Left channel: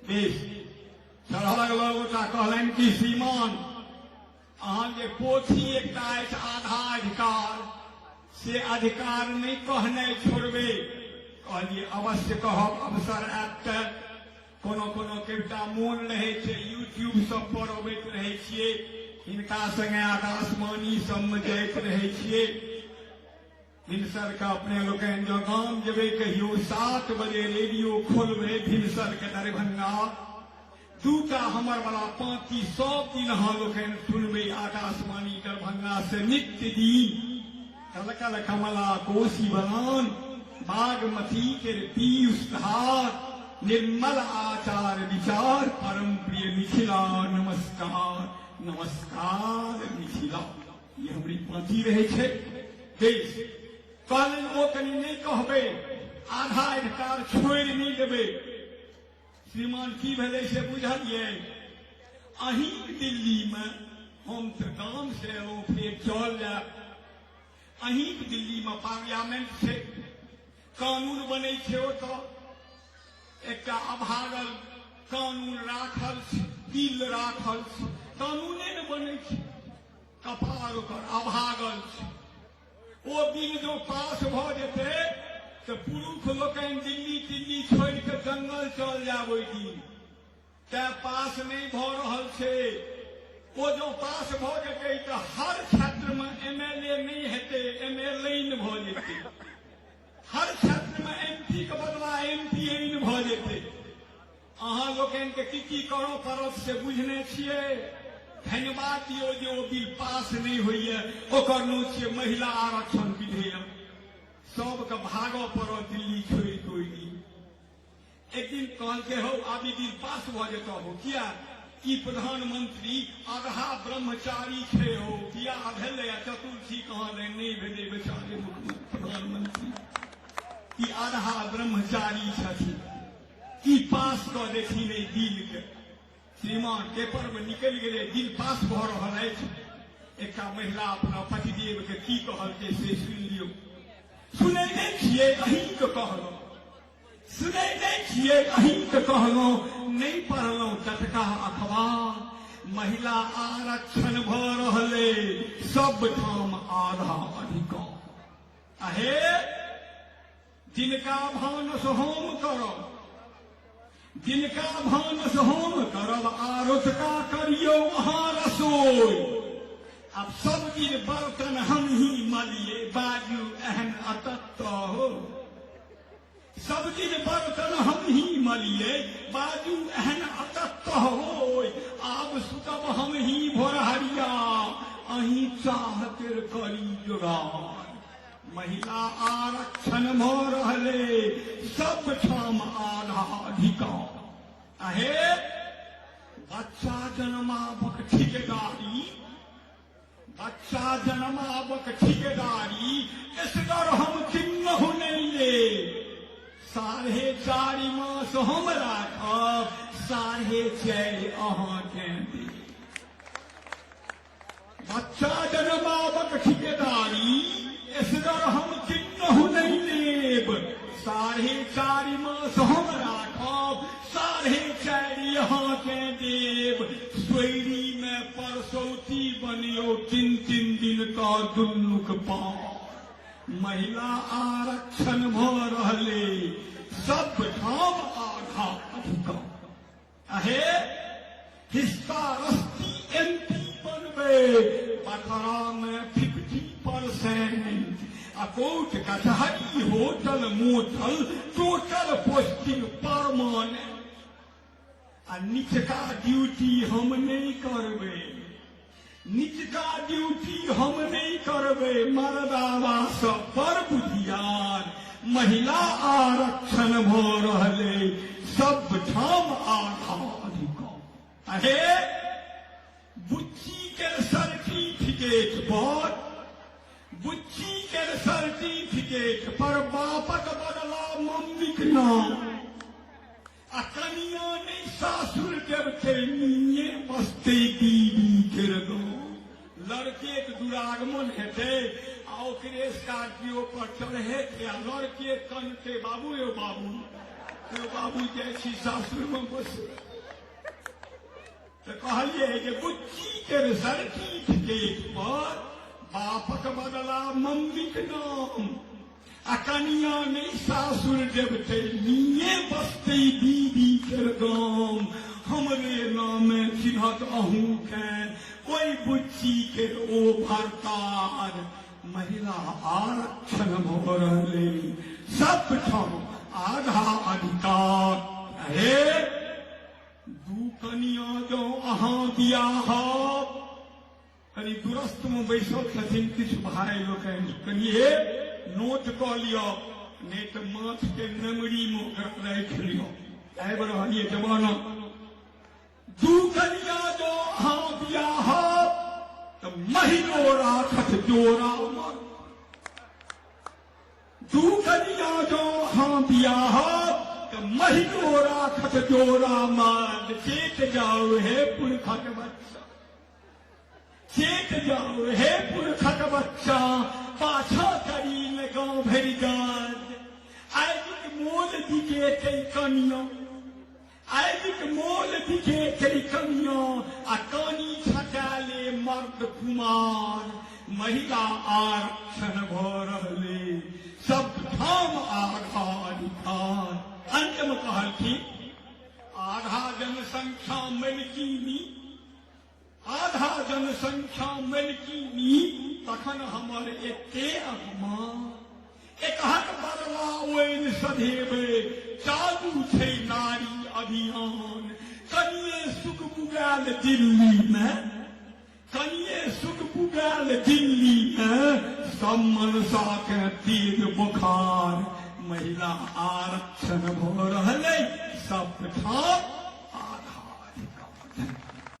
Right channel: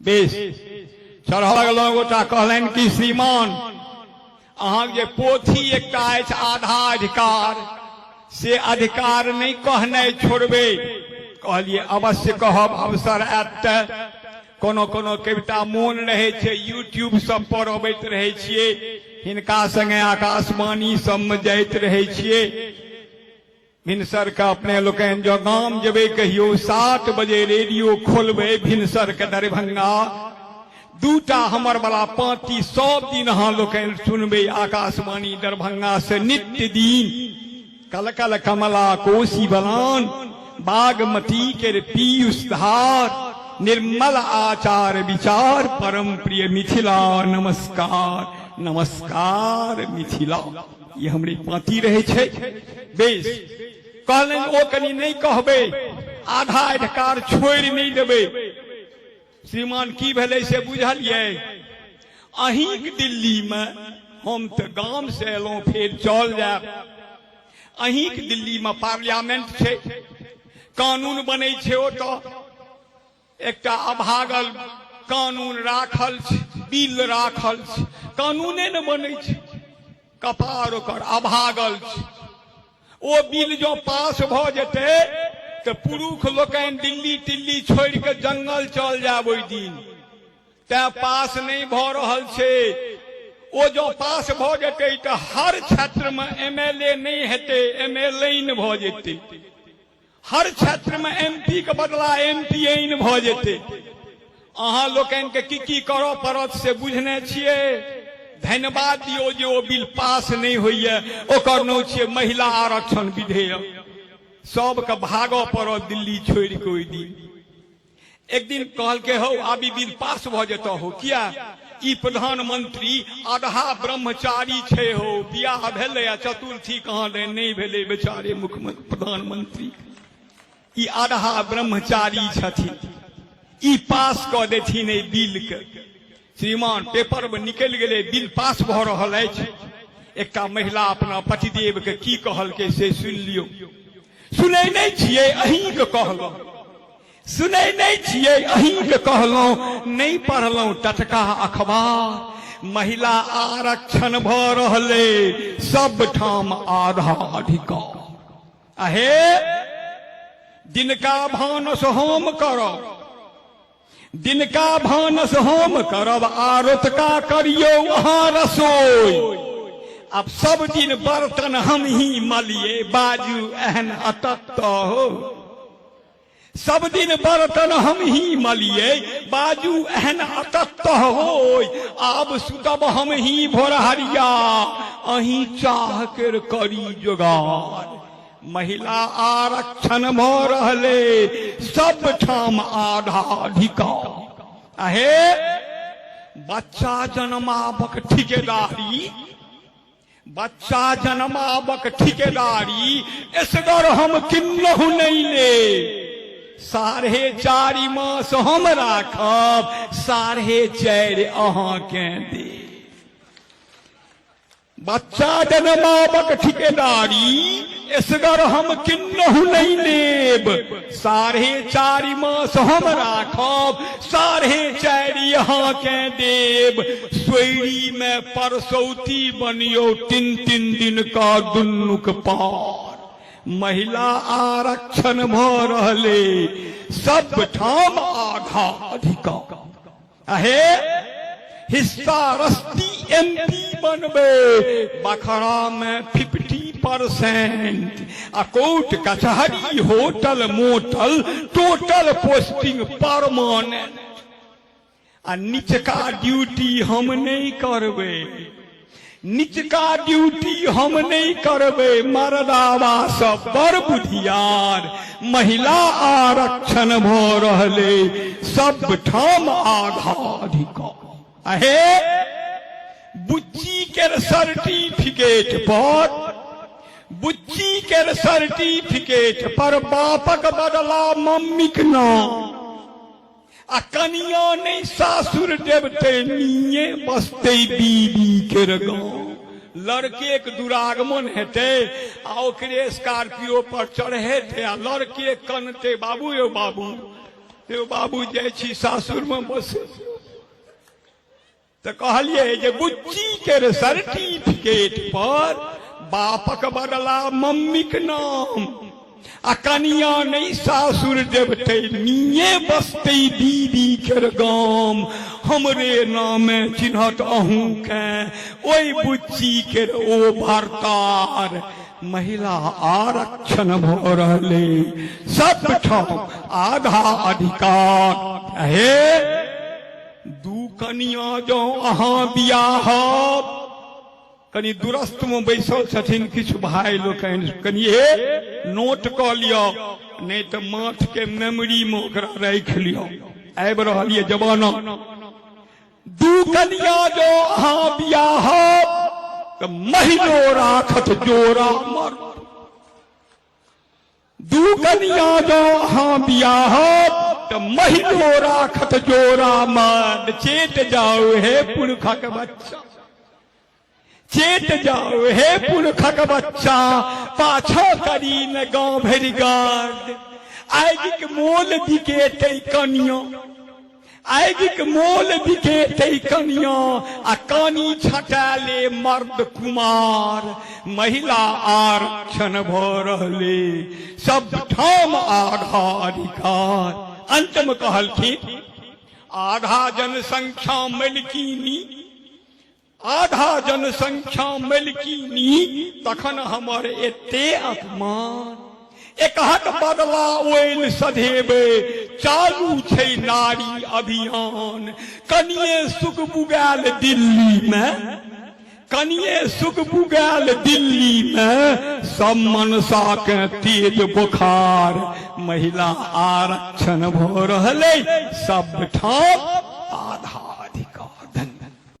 Base चढ़ल गोटा कहलनि कि श्रीमान अहाँ जे पोथी एकटा अछि आधा अधिकार से अधिकार नहीं कहनाइ छोड़बे। कहलिए अवश्य कहब, अवसर आयत त कोनो कोनो कविता मोन रहे छे यूट्यूब सब पर अबैत रहे छिए, हिनका संगे आकाशवाणी सब में जाइत रहे छिए। भिनसर के अपने लोकन जो गाम जेबे कहियो 7 बजे रेडियो खोलबे भिनसर के दरभंगा, दूटा हमर वाला पांती 100 दिन अहाँ लोकन सुनबे आकाशवाणी दरभंगा से नित्य दिन। कल कल कमला कोसी बलान, बागमती के पीयूष धार, निर्मल आचार विचार, परम प्रिय मिथिला नमस्कार नमस्कार मिथिला। ये हमारी पाती रहे छे। बेस कहले ओ कनी नहीं कहबे, आधा अधिकार छोड़ नहीं देबे। श्रीमान की भेले से बुझलिए? अहींक दिल्ली में, हम तो गांव से एलौं फिर चल जाए। अहींक दिल्ली में पार्लियामेंट छे, कानून बने छे, ओतो एकटा अभागल कानून राखल छे, बिल राखल छे, कानूने न बने छे, कपार ओकर अभागल छे। ओ बिल जो पास भ जेते तो पुरुष लोकन दिल्ली टिल्ली छोड़ के जंगल चल जाब ओई दिन। ते पास नहीं भ रहल छे। ओ जो पास भ जेते तो हर क्षेत्र में एमएलए नहीं हेते, एमएलए भ जेते। हर क्षेत्र में एमपी के बदला एमपीएन भ जेते। अहाँ लोकन के की करऽ पड़त से बुझने छिए। धन्यवाद दियो जे ओ बिल पास नहीं होइए। ओकर नाम छिए महिला आरक्षण विधेयक। सबके भागऽ पड़त दिल्ली छोड़ के ओई दिन। एक दिन कहल के हो आबी बिल पास भ जेतो हो, किया ई प्रधानमंत्री आधा ब्रह्मचारी छे हो, बियाह भेले आ चतुर्थी कहाँ नहीं भेले बेचारे मुख्यमंत्री प्रधानमंत्री। ई आधा ब्रह्मचारी छथिन, ई पास क देथिन ए बिल के। श्रीमान पेपर में निकल गए, बिल पास भ रहल अछि। एकटा महिला अपना पतिदेव के की कहल के से सुन लियो। सुनै नहीं छिए? अहीं के कहलौं। सुनै नहीं छिए? अहीं के कहलौं। नहीं पढ़लौं टटका अखबार। महिला आरक्षण भ रहले, सब ठाम आधा अधिकार। आहे दिनका भानस हम करब, दिनका भानस हम करब, आरतका करियो अहाँ रसोई। अब सब दिन बर्तन हम ही मलिए, बाजू एहन अतत हो। सब दिन बर्तन हम ही मलिए, बाजू एहन अतत हो। आब सुतब हम ही भोरहरिया, अहीं चाह कर करी जोगार। महिला आरक्षण भ रहले, सब ठाम आधा अधिकार। आहे बच्चा जन्माबक ठिकेदारी, बच्चा जन्माबक ठिकेदारी असगर हम किन्नहु नहीं ले। 4.5 मास हम राखब, 4.5 अहाँ के दे। बच्चा जन्माबक ठिकेदारी असगर हम किन्नहु नहीं लेब। 4.5 मास हम राखब, 4.5 अहाँ के देब। सोयरी में परसौती बनियो, 3 दिन का दुन्नुक पार। महिला आरक्षण भ रहले, सब ठाम आधा अधिकार। आहे हिस्सा रस्ती एमपी बनबे, बखरा में 50%। आ कोर्ट कचहरी hotel motel total posting permanent. आ निचका ड्यूटी हम नहीं करबे, निचका ड्यूटी हम नहीं करबे। मर्दावा सब बड़ बुधियार, महिला आरक्षण भ रहले, सब ठाम आधा अधिकार। आहे बुच्ची के सर्टिफिकेट पर, बुच्ची के सर्टिफिकेट पर बापक बदला मम्मीक नाम। आ कनिया नहीं सासुर देवते, निये बसते बीबी के गाँव। लड़के के दुरागमन हेते, आ ओकरे स्कॉर्पियो पर चढ़ेते, आ लड़के कनते बाबू यो बाबू से बाबू जाइ छी सासुर में बस तो कहलिए जे बुच्ची के सर्टिफिकेट पर बापक बदला मम्मी के नाम आ कनिया नहीं सासुर देवते निये बसते दीदी के गाम हमरे नामे चिन्हत अहूँ के ओई बुच्ची के ओ भरतार महिला आरक्षण भ रहले सब ठाम आधा अधिकार हे दू कनिया जो अहाँ बियाह कनी दुरस्त में बैसल छथिन किछु भाई लोकनि कनिए नोट क लियो नहीं तो माथ के मेमोरी में ओकरा राख लियो आबि रहल ये जमाना दू कनिया जो अहाँ बियाह तो महीनो राखत जोरा मर दू कनिया जो अहाँ बियाह तो महीनो राखत जोरा मर चेत जाओ हे पुरखक बच्चा चेत जाओ हे पुरखक बच्चा पाछा करी न गाँव भरि गार्ड आगिक मोल बिकेते कनिया आगिक मोल बिकेते कनिया आ कानी छटाले मर्द कुमार महिला आरक्षण भ रहले सब ठाम आधा अधिकार अंत में कहलखिन आधा जनसंख्या मलकिनी आधा जनसंख्या मलकिनी तखन हमर एते अपमान एकहक बदला ओइन सधेबे चालू छै नारी अभियान कनिये सुख बुगाल दिल्ली में कनिये सुख बुगाल दिल्ली में सब मनसा के तेज बुखार महिला आरक्षण भ रहले सब ठाम